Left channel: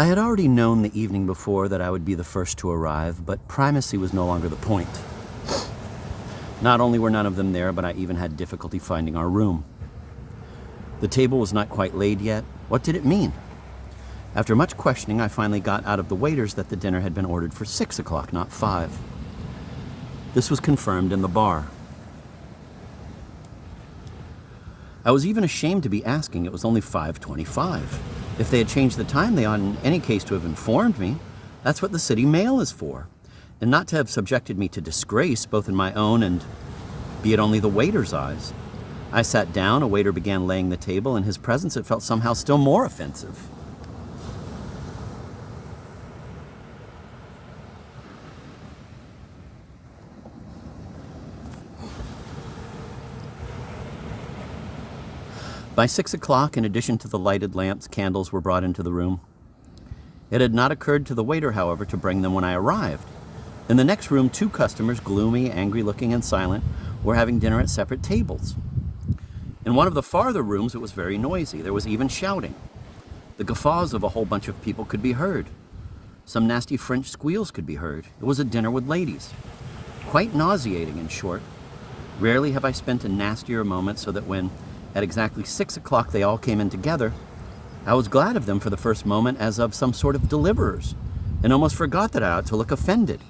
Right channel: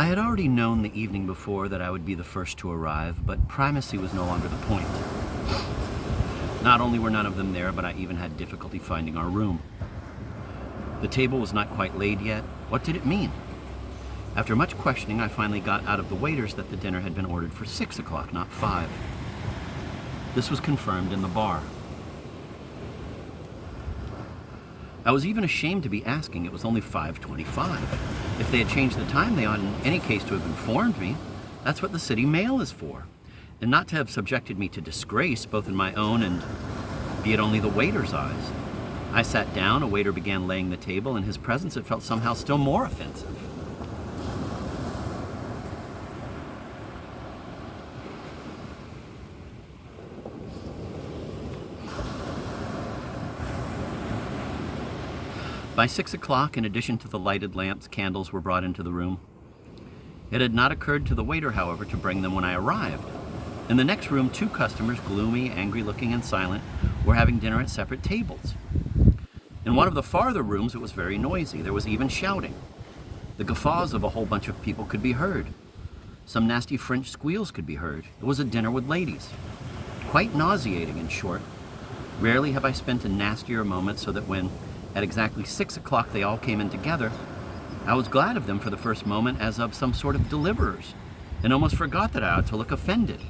I had already known the evening before that I would be the first to arrive, but primacy was no longer the point. Not only were none of them there, but I even had difficulty finding our room. The table was not quite laid yet. What did it mean? After much questioning, I finally got out of the waiters that the dinner had been ordered for 6 o'clock, not 5. This was confirmed in the bar. I was even ashamed to be asking. It was only 5:25. If they had changed the time, they ought in any case to have informed me. That's what the city mail is for. And not to have subjected me to disgrace, both in my own and, be it only the waiter's eyes. I sat down, a waiter began laying the table. In his presence, it felt somehow still more offensive. By 6 o'clock, in addition to the lighted lamps, candles were brought into the room. It had not occurred to the waiter, however, to bring them when I arrived. In the next room, 2 customers, gloomy, angry-looking, and silent, were having dinner at separate tables. In one of the farther rooms, it was very noisy. There was even shouting. The guffaws of a whole bunch of people could be heard. Some nasty French squeals could be heard. It was a dinner with ladies. Quite nauseating, in short. Rarely have I spent a nastier moment, so that when, at exactly 6 o'clock, they all came in together, I was glad of them for the first moment as of some sort of deliverers, and almost forgot that I ought to look offended.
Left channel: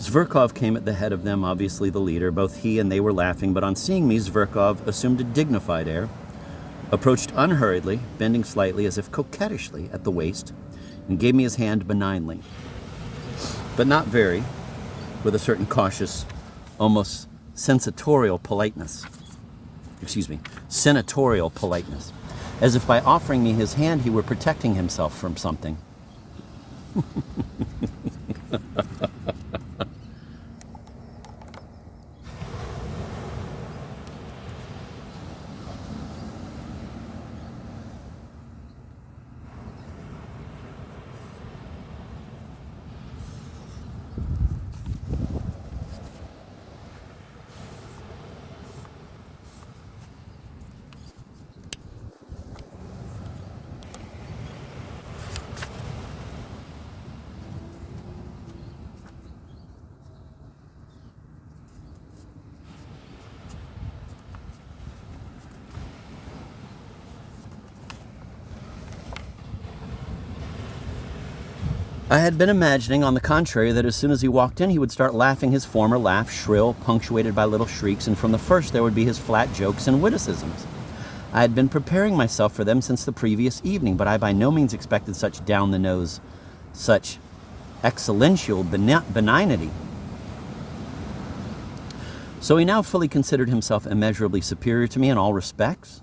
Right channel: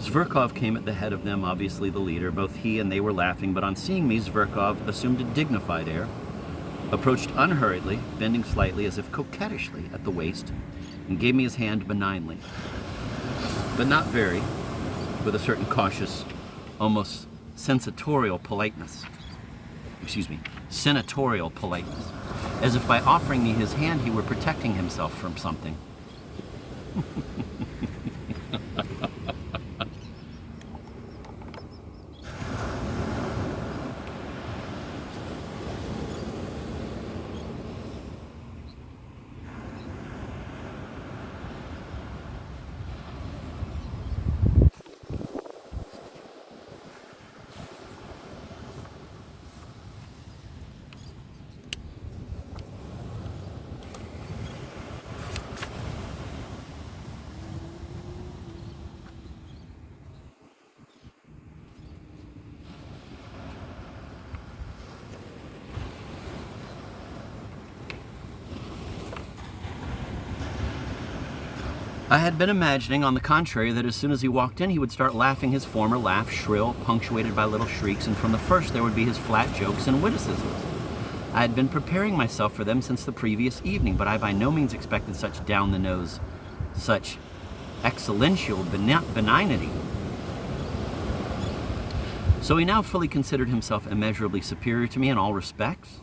Zverkov came at the head of them, obviously the leader. Both he and they were laughing, but on seeing me, Zverkov assumed a dignified air, approached unhurriedly, bending slightly as if coquettishly at the waist, and gave me his hand benignly, but not very, with a certain cautious, almost senatorial politeness, as if by offering me his hand he were protecting himself from something. I had been imagining, on the contrary, that as soon as he walked in, he would start laughing his former laugh, shrill, punctuated by little shrieks, and from the first there would be his flat jokes and witticisms. I had been preparing myself for them since the previous evening, but I by no means expected such down-the-nose, such excellential benignity. So he now fully considered himself immeasurably superior to me in all respects?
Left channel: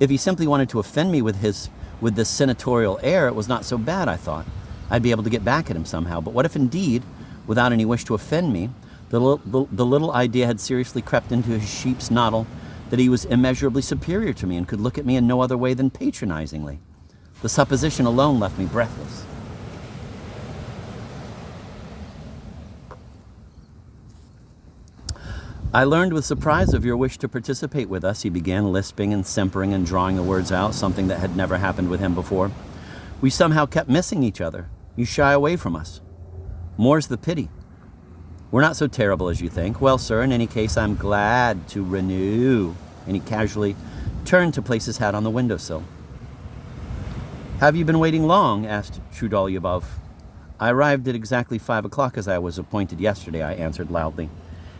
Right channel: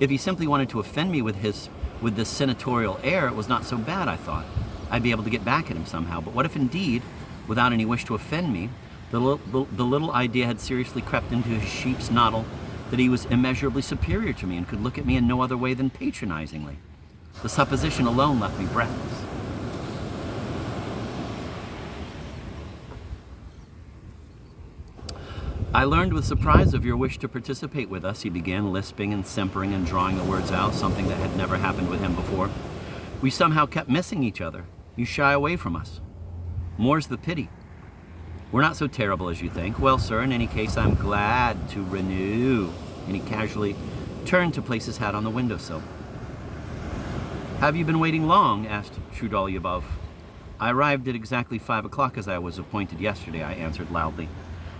If he simply wanted to offend me with this senatorial air, it was not so bad, I thought. I'd be able to get back at him somehow. But what if indeed, without any wish to offend me, the little idea had seriously crept into his sheep's noddle that he was immeasurably superior to me and could look at me in no other way than patronizingly? The supposition alone left me breathless. I learned with surprise of your wish to participate with us, he began, lisping and simpering and drawing the words out, something that had never happened with him before. We somehow kept missing each other. You shy away from us. More's the pity. We're not so terrible as you think. Well, sir, in any case, I'm glad to renew. And he casually turned to place his hat on the windowsill. Have you been waiting long? Asked Trudolyubov. I arrived at exactly 5 o'clock as I was appointed yesterday, I answered loudly,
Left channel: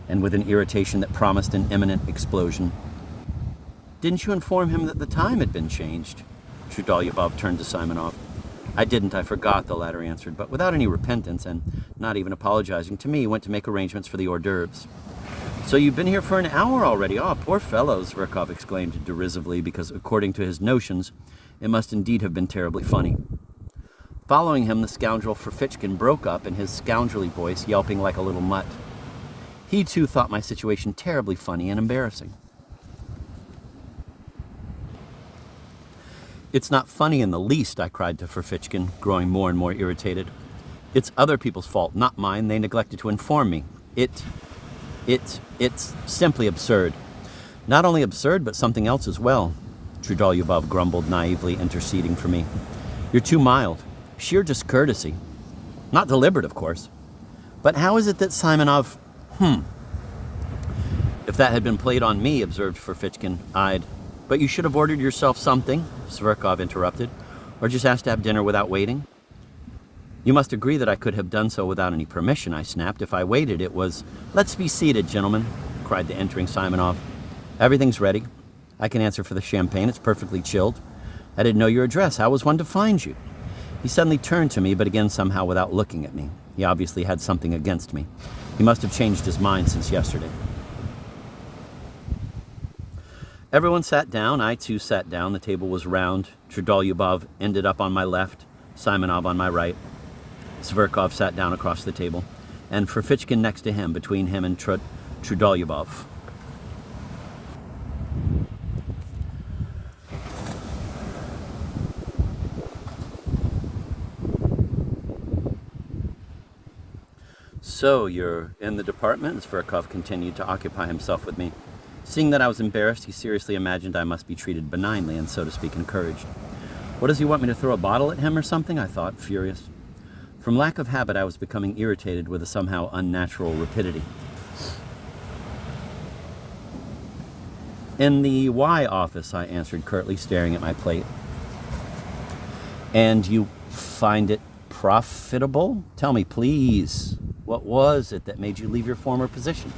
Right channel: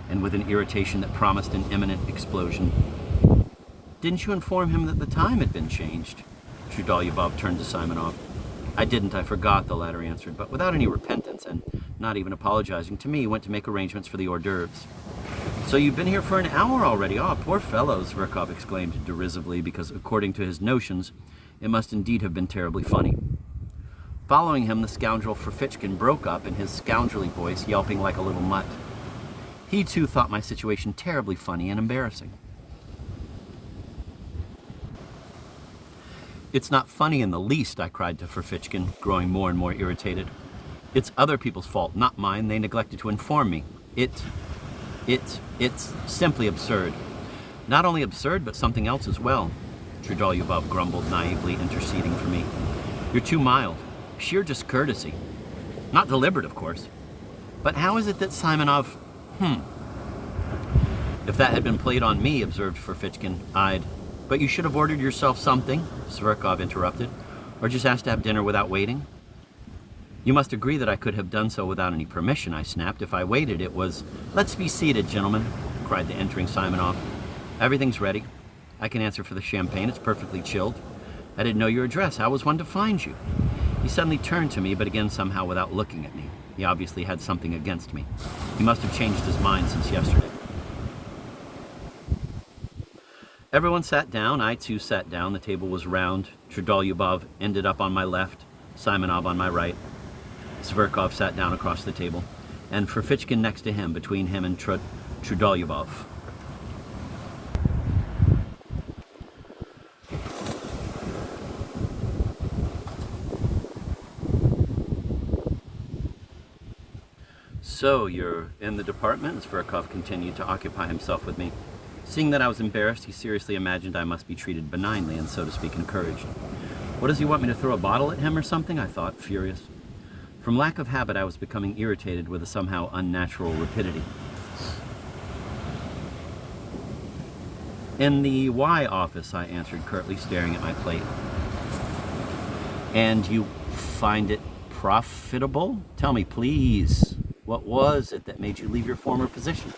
and with an irritation that promised an imminent explosion. Didn't you inform him that the time had been changed? Trudolyubov turned to Simonov. I didn't, I forgot, the latter answered, but without any repentance, and not even apologizing to me, went to make arrangements for the hors d'oeuvres. So you've been here for an hour already? Oh, poor fellow, Zverkov exclaimed derisively, because according to his notions, it must indeed have been terribly funny. Following him, the scoundrel Ferfitchkin broke up in his scoundrelly voice, yelping like a little mutt. He too thought my situation terribly funny and embarrassing. It's not funny in the least, I cried to Ferfitchkin, growing more and more irritated. It's other people's fault, not mine. They neglected to inform me. It's simply absurd. Not only absurd, but something else as well, Trudolyubov grumbled, naively interceding for me. You're too mild. Sheer discourtesy. Not deliberate, of course. But how is it that Simonov... If that had been played on me, observed Ferfitchkin, eyed. But you should have ordered yourself something, Zverkov interrupted, or just asked to have dinner without waiting. You must agree that I could have done so without any permission, I snapped. If I waited, it was... Let's be seated, gentlemen, cried the entering Simonov. Everything's ready. I can answer for the champagne. It's perfectly chilled. I didn't know your address. How was one to find you? He suddenly turned to me, but again somehow without looking at me. He obviously had something against me. He must have changed his mind since yesterday. Everyone sat down. I too sat down. The table was round. Trudolyubov ended up on my left, Simonov on my right. Zverkov sat down across the table, and Ferfitchkin next to him, between him and Trudolyubov. So, you're in the department? Zverkov continued to occupy himself with me. Seeing that I was embarrassed, he seriously imagined I must be treated benignly and, so to speak, encouraged. What does he want me to throw a bottle at him or something? I thought, furious. From lack of habit, I was becoming irritated with a somehow unnatural rapidity. In the Y office, I answered curtly, staring at my plate. And you find it profitable? Tell me, please. What was it that made you leave your former position?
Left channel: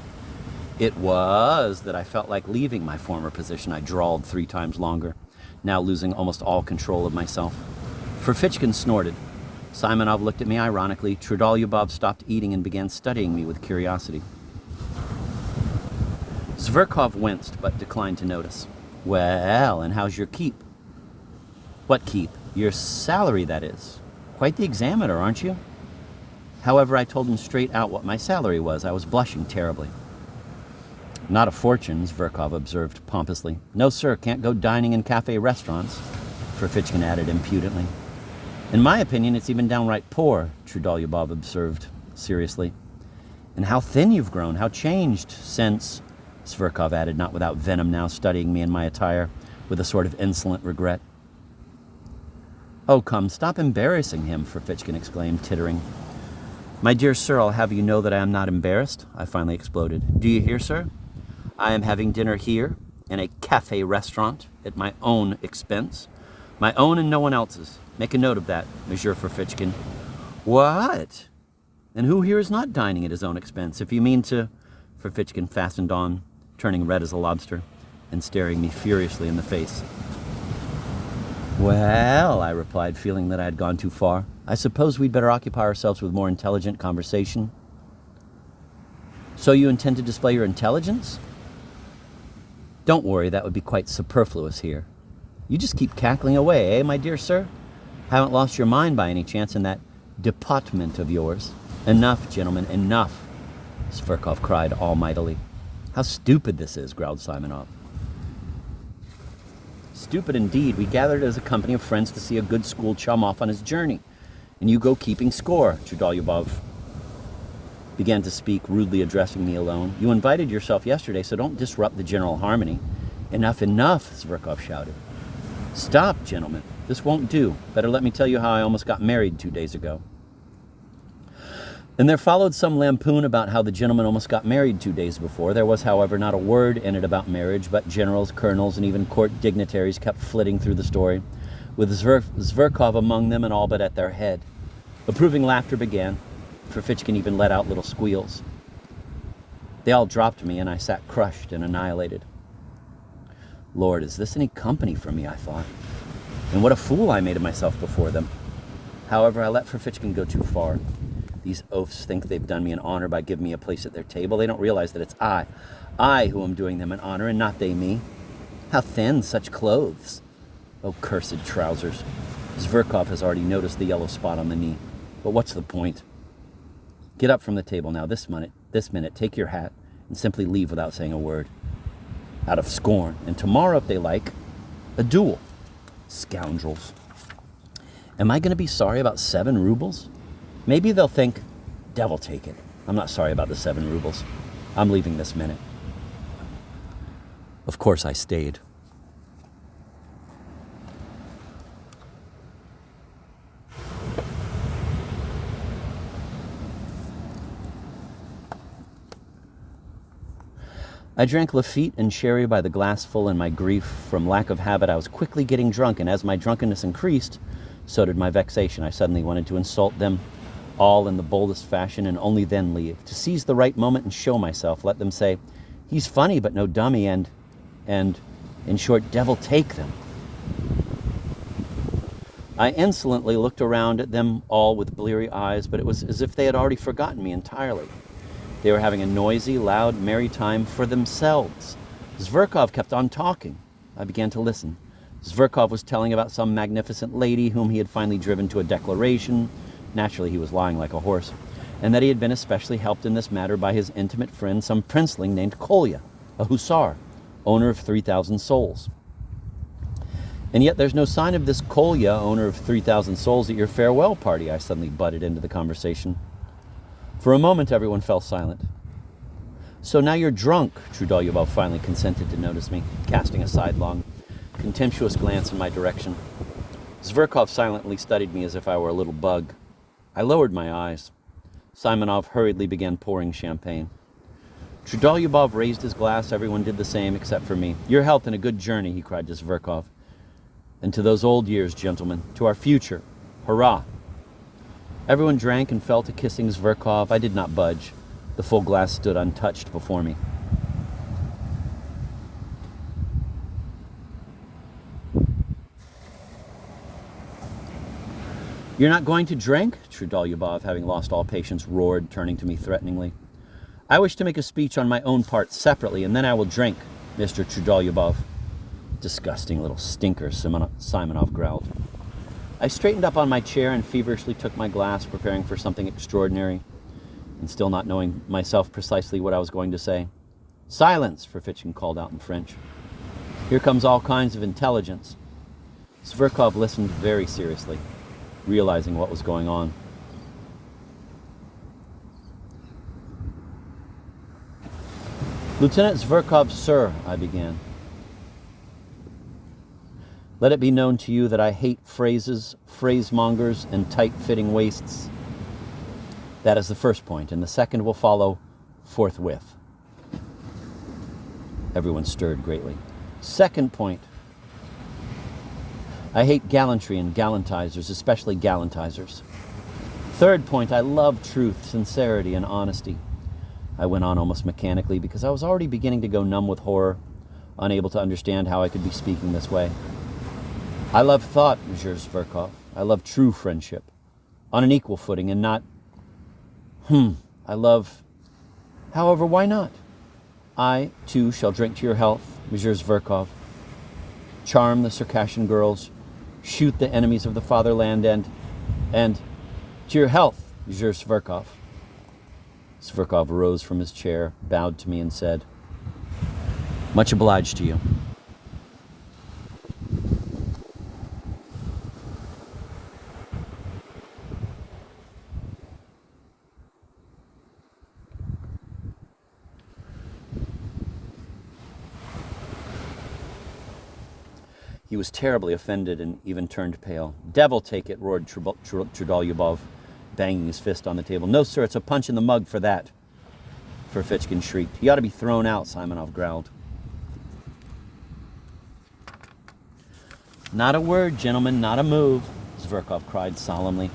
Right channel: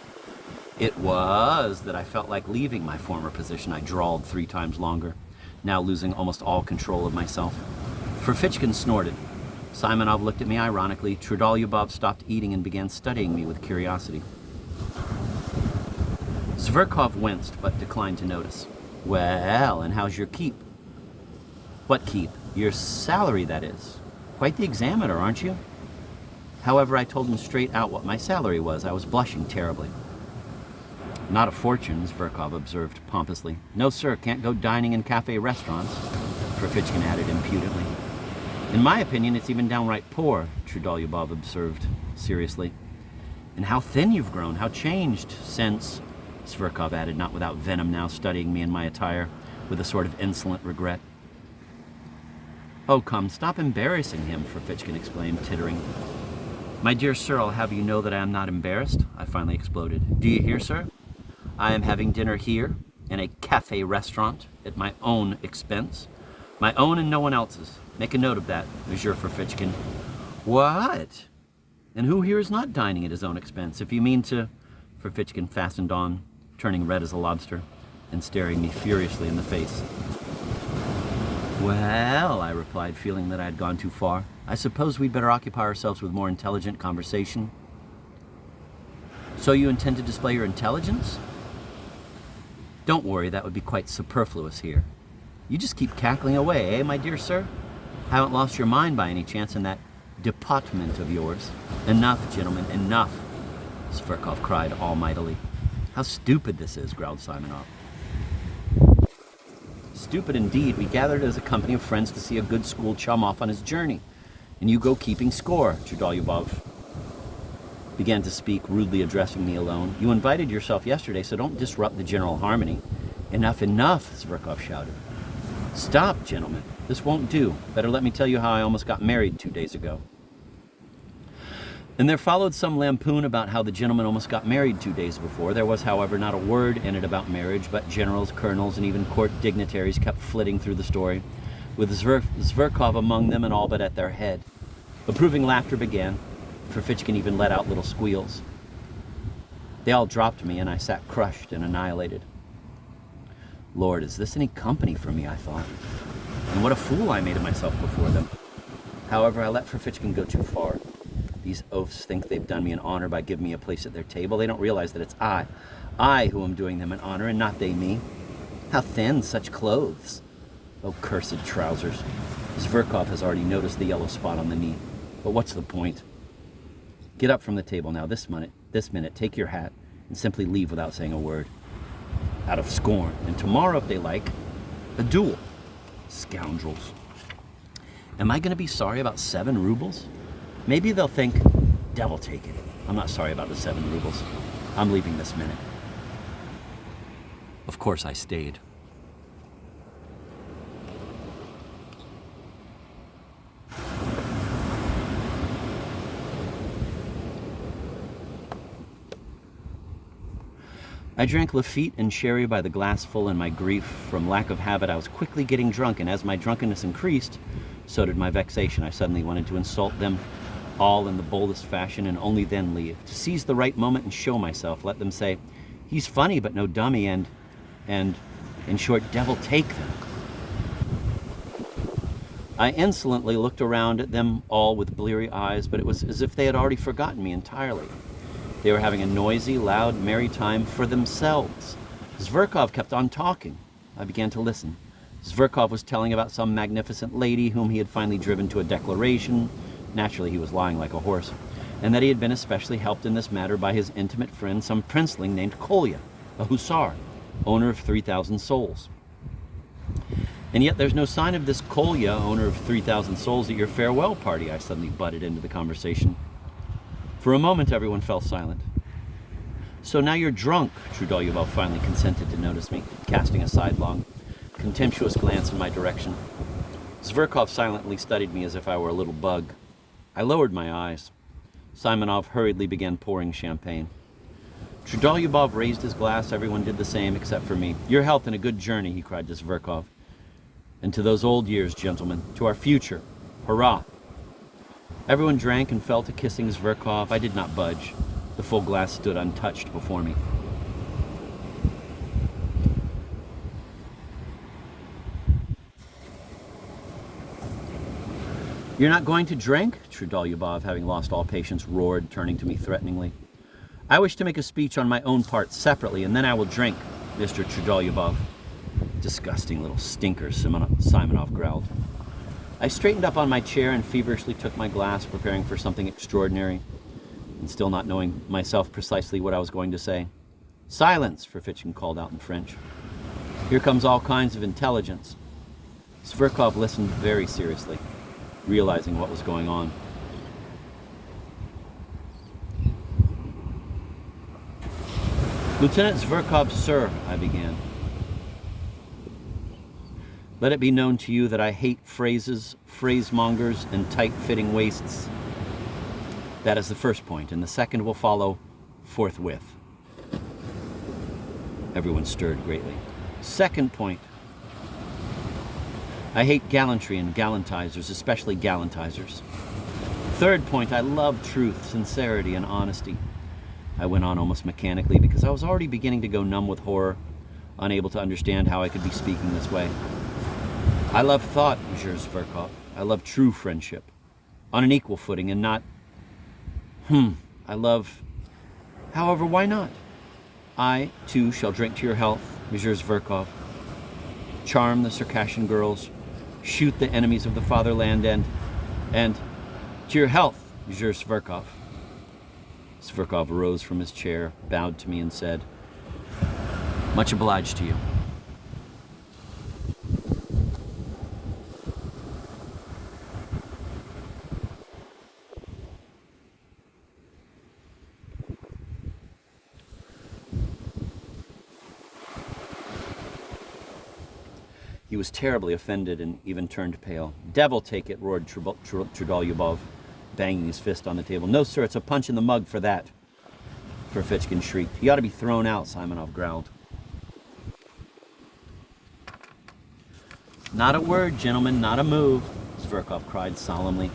It was that I felt like leaving my former position, I drawled 3 times longer, now losing almost all control of myself. Ferfitchkin snorted. Simonov looked at me ironically. Trudolyubov stopped eating and began studying me with curiosity. Zverkov winced, but declined to notice. Well, and how's your keep? What keep? Your salary, that is. Quite the examiner, aren't you? However, I told him straight out what my salary was. I was blushing terribly. Not a fortune, Zverkov observed pompously. No, sir, can't go dining in cafe restaurants, Ferfitchkin added impudently. In my opinion, it's even downright poor, Trudolyubov observed seriously. And how thin you've grown, how changed since, Zverkov added, not without venom now, studying me in my attire with a sort of insolent regret. Oh, come, stop embarrassing him, Ferfitchkin exclaimed, tittering. My dear sir, I'll have you know that I am not embarrassed, I finally exploded. Do you hear, sir? I am having dinner here, in a cafe restaurant, at my own expense. My own and no one else's. Make a note of that, Monsieur Ferfitchkin. What? And who here is not dining at his own expense? If you mean to... Ferfitchkin fastened on, turning red as a lobster, and staring me furiously in the face. Well, I replied, feeling that I had gone too far. I suppose we'd better occupy ourselves with more intelligent conversation. So you intend to display your intelligence? Don't worry, that would be quite superfluous here. You just keep cackling away, eh, my dear sir? Haven't lost your mind by any chance in that department of yours? Enough, gentlemen, enough, Zverkov cried almightily. How stupid this is, growled Simonov. Stupid indeed. We gathered as a company of friends to see a good school chum off on his journey. And you go keeping score, Trudolyubov began to speak, rudely addressing me alone. You invited yourself yesterday, so don't disrupt the general harmony. Enough, enough, Zverkov shouted. Stop, gentlemen. This won't do. Better let me tell you how I almost got married 2 days ago. And there followed some lampoon about how the gentleman almost got married 2 days before. There was, however, not a word in it about marriage, but generals, colonels, and even court dignitaries kept flitting through the story, with Zverkov among them and all but at their head. Approving laughter began. Ferfitchkin even let out little squeals. They all dropped me, and I sat crushed and annihilated. Lord, is this any company for me, I thought. And what a fool I made of myself before them. However, I let Ferfitchkin go too far. These oafs think they've done me an honor by giving me a place at their table. They don't realize that it's I I who am doing them an honor, and not they me. How thin such clothes! Oh, cursed trousers. Zverkov has already noticed the yellow spot on the knee. But what's the point? Get up from the table now, this minute, take your hat, and simply leave without saying a word. Out of scorn. And tomorrow, if they like, a duel. Scoundrels. Am I going to be sorry about 7 rubles? Maybe they'll think, devil take it. I'm not sorry about the 7 rubles. I'm leaving this minute. Of course I stayed. I drank Lafitte and sherry by the glassful in my grief. From lack of habit, I was quickly getting drunk, and as my drunkenness increased, so did my vexation. I suddenly wanted to insult them all in the boldest fashion and only then leave. To seize the right moment and show myself, let them say, he's funny but no dummy, and in short, devil take them. I insolently looked around at them all with bleary eyes, but it was as if they had already forgotten me entirely. They were having a noisy, loud, merry time for themselves. Zverkov kept on talking. I began to listen. Zverkov was telling about some magnificent lady whom he had finally driven to a declaration. Naturally, he was lying like a horse. And that he had been especially helped in this matter by his intimate friend, some princeling named Kolya, a hussar, owner of 3,000 souls. And yet there's no sign of this Kolya, owner of 3,000 souls, at your farewell party, I suddenly butted into the conversation. For a moment, everyone fell silent. So now you're drunk, Trudolyubov finally consented to notice me, casting a sidelong, contemptuous glance in my direction. Zverkov silently studied me as if I were a little bug. I lowered my eyes. Simonov hurriedly began pouring champagne. Trudolyubov raised his glass. Everyone did the same except for me. Your health and a good journey, he cried to Zverkov. And to those old years, gentlemen, to our future. Hurrah! Everyone drank and fell to kissing Zverkov. I did not budge. The full glass stood untouched before me. You're not going to drink? Trudolyubov, having lost all patience, roared, turning to me threateningly. I wish to make a speech on my own part separately, and then I will drink, Mr. Trudolyubov. Disgusting little stinker, Simonov growled. I straightened up on my chair and feverishly took my glass, preparing for something extraordinary, and still not knowing myself precisely what I was going to say. Silence, Ferfitchkin called out in French. Here comes all kinds of intelligence. Zverkov listened very seriously, realizing what was going on. Lieutenant Zverkov, sir, I began. Let it be known to you that I hate phrases, phrasemongers, and tight-fitting waists. That is the first point, and the second will follow forthwith. Everyone stirred greatly. Second point. I hate gallantry and gallantizers, especially gallantizers. Third point, I love truth, sincerity, and honesty. I went on almost mechanically because I was already beginning to go numb with horror, unable to understand how I could be speaking this way. I love thought, Monsieur Zverkov. I love true friendship, on an equal footing and not... I love... However, why not? I, too, shall drink to your health, Monsieur Zverkov. Charm the Circassian girls, shoot the enemies of the fatherland, and to your health, Monsieur Zverkov. Zverkov rose from his chair, bowed to me, and said, Much obliged to you. He was terribly offended and even turned pale. Devil take it, roared Trudolyubov, banging his fist on the table. No, sir, it's a punch in the mug for that. Ferfitchkin shrieked. He ought to be thrown out, Simonov growled. Not a word, gentlemen, not a move, Zverkov cried solemnly,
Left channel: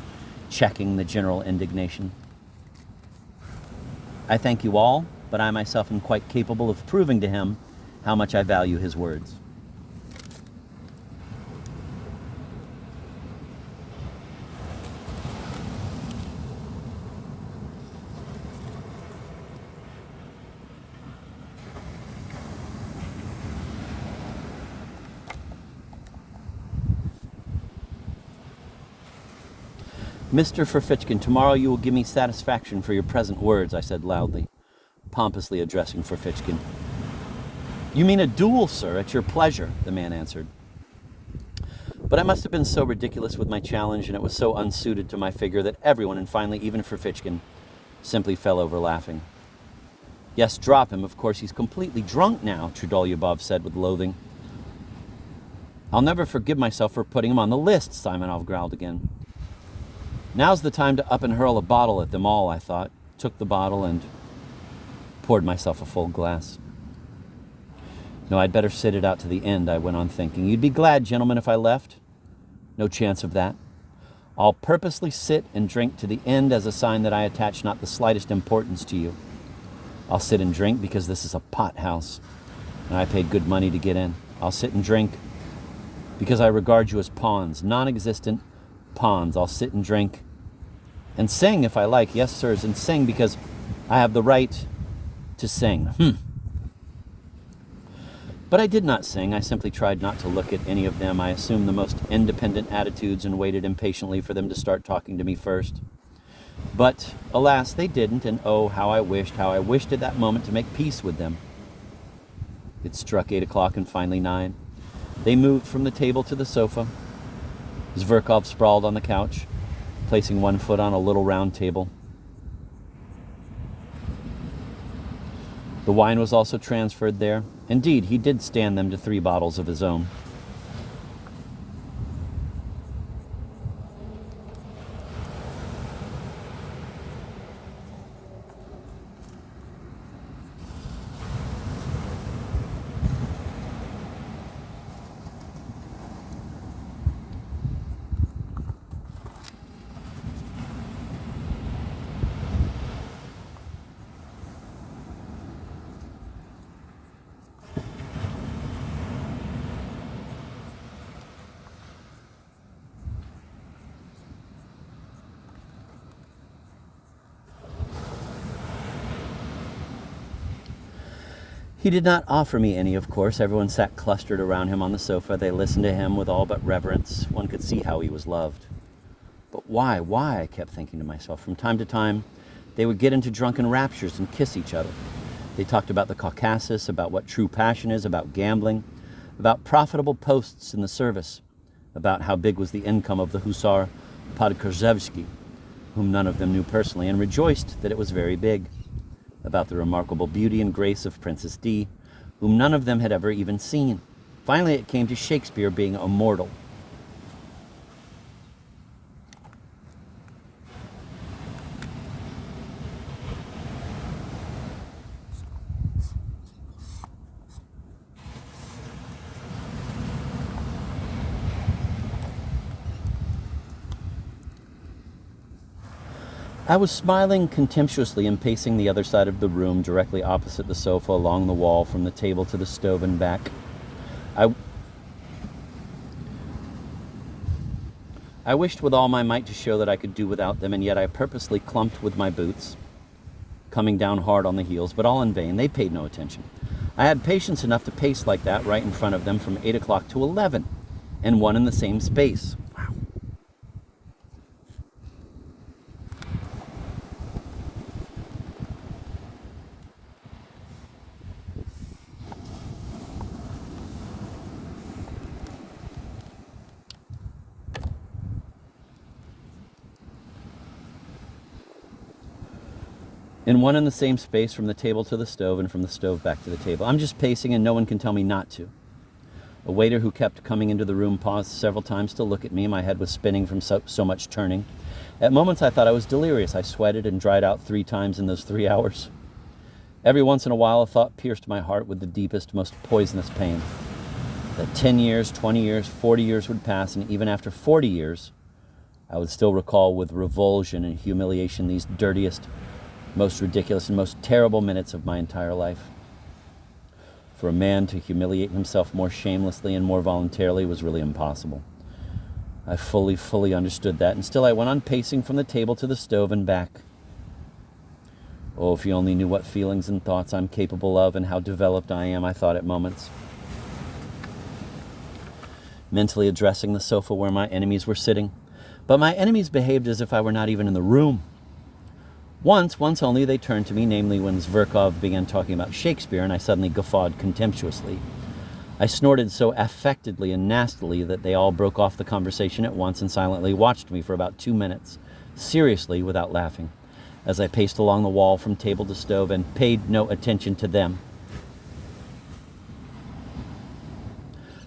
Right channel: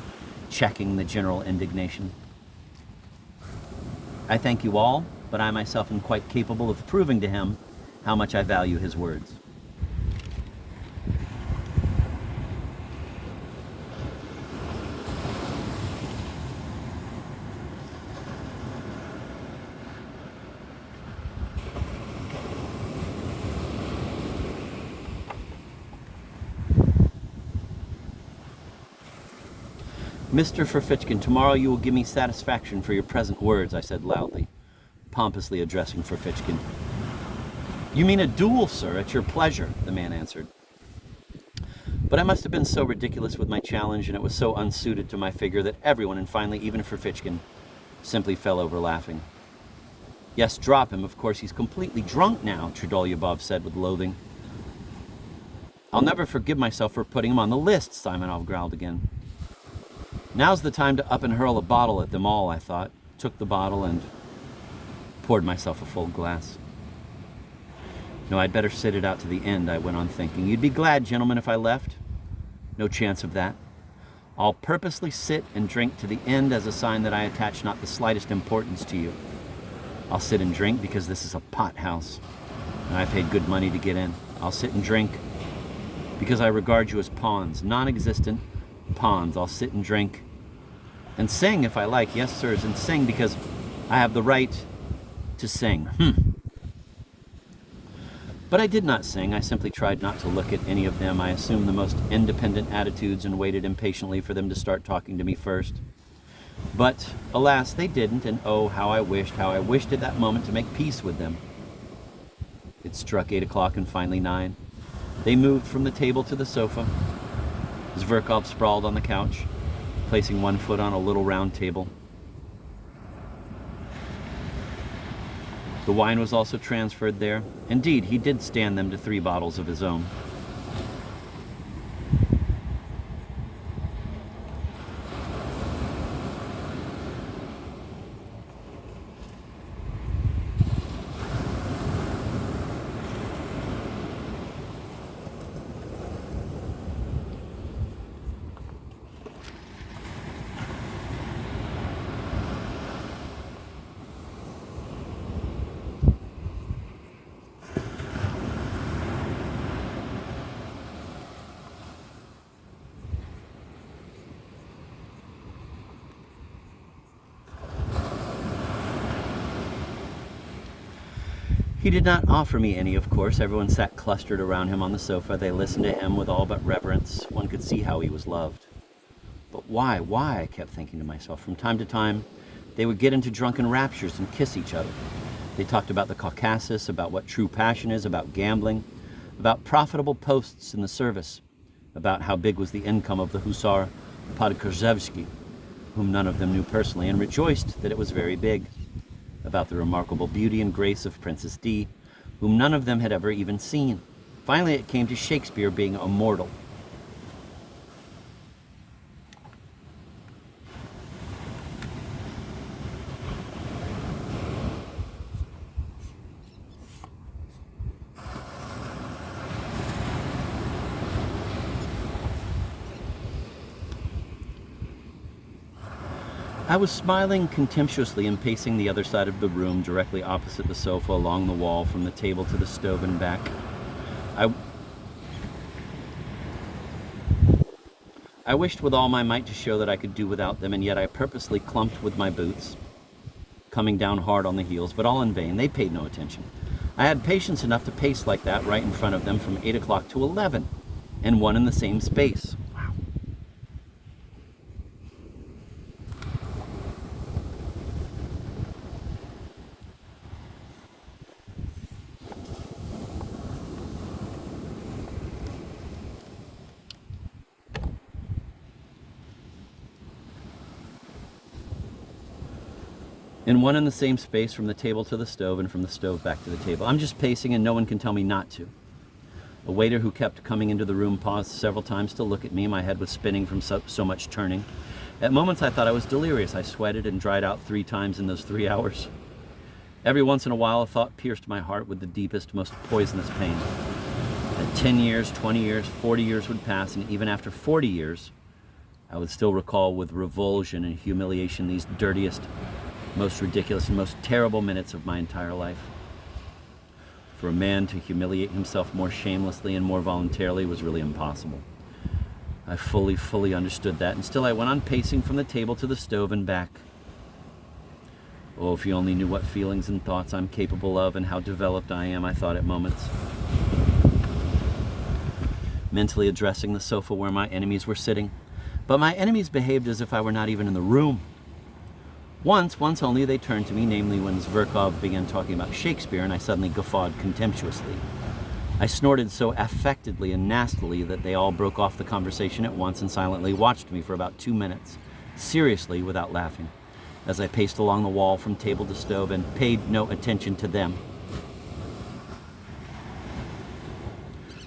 checking the general indignation. I thank you all, but I myself am quite capable of proving to him how much I value his words. Mr. Ferfitchkin, tomorrow you will give me satisfaction for your present words, I said loudly, pompously addressing Ferfitchkin. You mean a duel, sir, at your pleasure, the man answered. But I must have been so ridiculous with my challenge, and it was so unsuited to my figure, that everyone, and finally even Ferfitchkin, simply fell over laughing. Yes, drop him. Of course, he's completely drunk now, Trudolyubov said with loathing. I'll never forgive myself for putting him on the list, Simonov growled again. Now's the time to up and hurl a bottle at them all, I thought. Took the bottle and poured myself a full glass. No, I'd better sit it out to the end, I went on thinking. You'd be glad, gentlemen, if I left? No chance of that. I'll purposely sit and drink to the end as a sign that I attach not the slightest importance to you. I'll sit and drink because this is a pot house, and I paid good money to get in. I'll sit and drink because I regard you as pawns, non-existent pawns. I'll sit and drink and sing if I like, yes, sirs, and sing because I have the right to sing. But I did not sing. I simply tried not to look at any of them. I assumed the most independent attitudes and waited impatiently for them to start talking to me first. But, alas, they didn't, and oh, how I wished at that moment to make peace with them. It struck 8 o'clock and finally 9. They moved from the table to the sofa. Zverkov sprawled on the couch, placing one foot on a little round table. The wine was also transferred there. Indeed, he did stand them to 3 bottles of his own. He did not offer me any, of course. Everyone sat clustered around him on the sofa. They listened to him with all but reverence. One could see how he was loved. But why, I kept thinking to myself. From time to time, they would get into drunken raptures and kiss each other. They talked about the Caucasus, about what true passion is, about gambling, about profitable posts in the service, about how big was the income of the hussar Podkorzhevsky, whom none of them knew personally, and rejoiced that it was very big, about the remarkable beauty and grace of Princess D, whom none of them had ever even seen. Finally, it came to Shakespeare being immortal. I was smiling contemptuously and pacing the other side of the room, directly opposite the sofa, along the wall, from the table to the stove and back. I wished with all my might to show that I could do without them, and yet I purposely clumped with my boots, coming down hard on the heels, but all in vain. They paid no attention. I had patience enough to pace like that right in front of them from 8 o'clock to 11, and one in the same space. And one in the same space from the table to the stove and from the stove back to the table. I'm just pacing and no one can tell me not to. A waiter who kept coming into the room paused several times to look at me. My head was spinning from so much turning. At moments I thought I was delirious. I sweated and dried out 3 times in those 3 hours. Every once in a while a thought pierced my heart with the deepest, most poisonous pain. That 10 years, 20 years, 40 years would pass, and even after 40 years, I would still recall with revulsion and humiliation these dirtiest, most ridiculous and most terrible minutes of my entire life. For a man to humiliate himself more shamelessly and more voluntarily was really impossible. I fully understood that, and still I went on pacing from the table to the stove and back. Oh, if you only knew what feelings and thoughts I'm capable of and how developed I am, I thought at moments. Mentally addressing the sofa where my enemies were sitting, But my enemies behaved as if I were not even in the room. Once only, they turned to me, namely when Zverkov began talking about Shakespeare, and I suddenly guffawed contemptuously. I snorted so affectedly and nastily that they all broke off the conversation at once and silently watched me for about 2 minutes, seriously without laughing, as I paced along the wall from table to stove and paid no attention to them.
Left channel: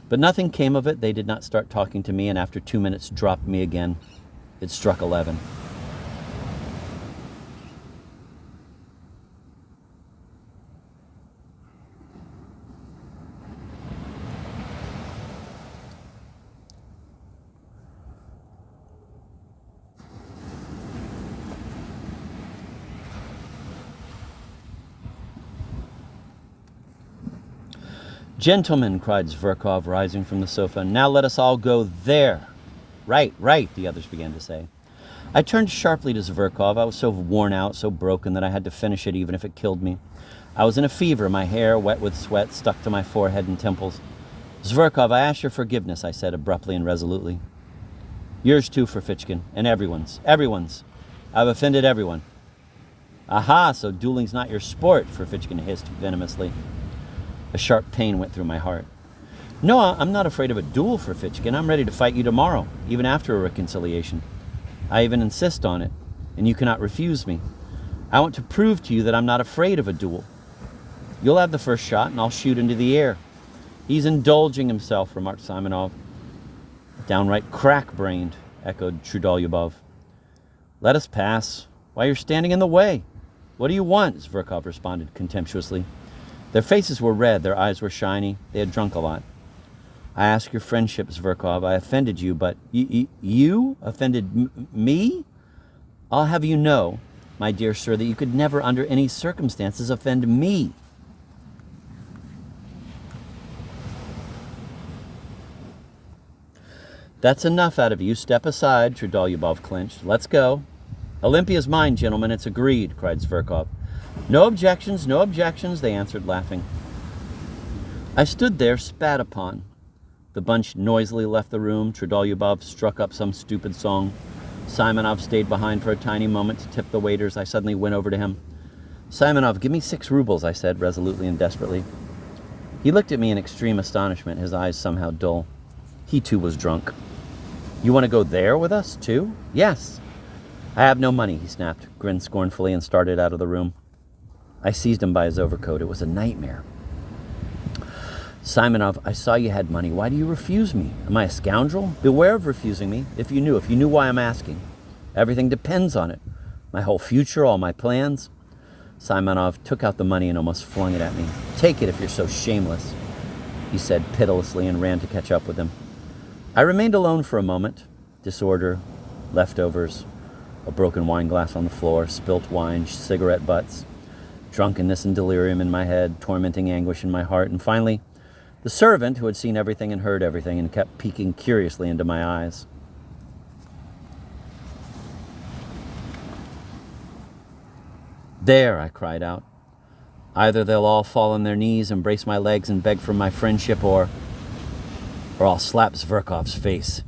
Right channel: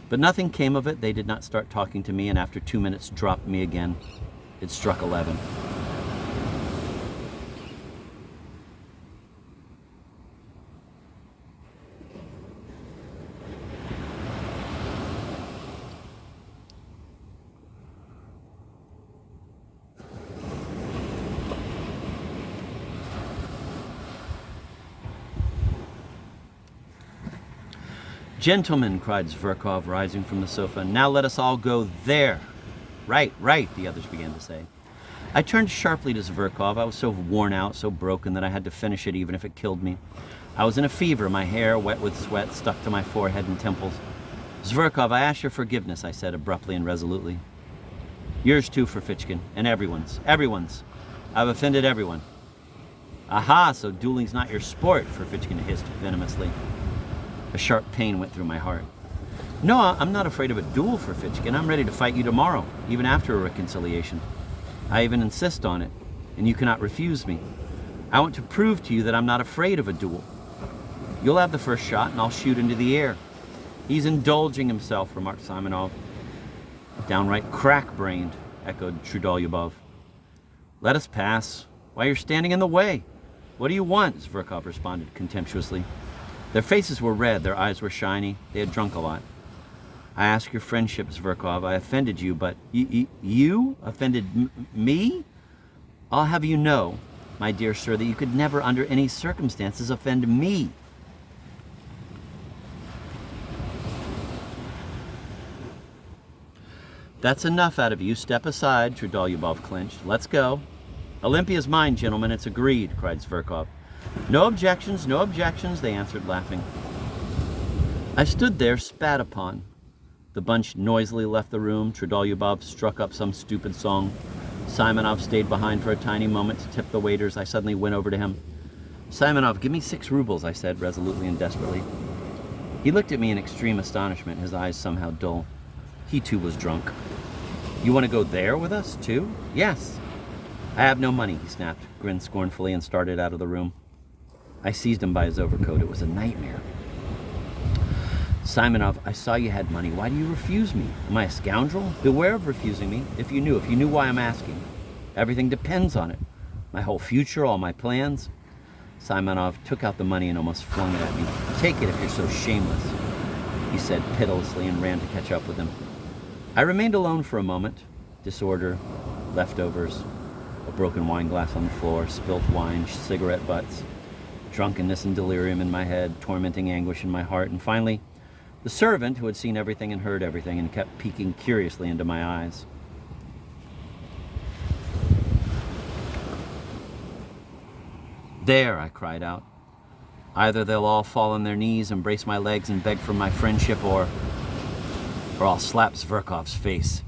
But nothing came of it. They did not start talking to me, and after 2 minutes dropped me again. It struck 11. "Gentlemen," cried Zverkov, rising from the sofa, "now let us all go there." Right, the others began to say. I turned sharply to Zverkov. I was so worn out, so broken, that I had to finish it even if it killed me. I was in a fever, my hair, wet with sweat, stuck to my forehead and temples. "Zverkov, I ask your forgiveness," I said abruptly and resolutely. "Yours too, Ferfitchkin, and everyone's. I've offended everyone." "Aha, so dueling's not your sport," Ferfitchkin hissed venomously. A sharp pain went through my heart. "No, I'm not afraid of a duel, Ferfitchkin. I'm ready to fight you tomorrow, even after a reconciliation. I even insist on it, and you cannot refuse me. I want to prove to you that I'm not afraid of a duel. You'll have the first shot, and I'll shoot into the air." "He's indulging himself," remarked Simonov. "Downright crack-brained," echoed Trudolyubov. "Let us pass. Why, you're standing in the way." "What do you want?" Zverkov responded contemptuously. Their faces were red, their eyes were shiny, they had drunk a lot. "I ask your friendship, Zverkov. I offended you, but..." You offended me? I'll have you know, my dear sir, that you could never under any circumstances offend me." "That's enough out of you. Step aside," Trudolyubov clenched. "Let's go." "Olympia's mine, gentlemen. It's agreed," cried Zverkov. No objections, they answered, laughing. I stood there, spat upon. The bunch noisily left the room. Trudolyubov struck up some stupid song. Simonov stayed behind for a tiny moment to tip the waiters. I suddenly went over to him. "Simonov, give me 6 rubles, I said, resolutely and desperately. He looked at me in extreme astonishment, his eyes somehow dull. He too was drunk. "You want to go there with us, too?" "Yes." "I have no money," he snapped, grinned scornfully, and started out of the room. I seized him by his overcoat. It was a nightmare. "Simonov, I saw you had money. Why do you refuse me? Am I a scoundrel? Beware of refusing me. If you knew why I'm asking. Everything depends on it. My whole future, all my plans." Simonov took out the money and almost flung it at me. "Take it if you're so shameless," he said pitilessly, and ran to catch up with him. I remained alone for a moment. Disorder, leftovers, a broken wine glass on the floor, spilt wine, cigarette butts, drunkenness and delirium in my head, tormenting anguish in my heart, and finally, the servant who had seen everything and heard everything and kept peeking curiously into my eyes. "There," I cried out. "Either they'll all fall on their knees, embrace my legs, and beg for my friendship, or I'll slap Zverkov's face."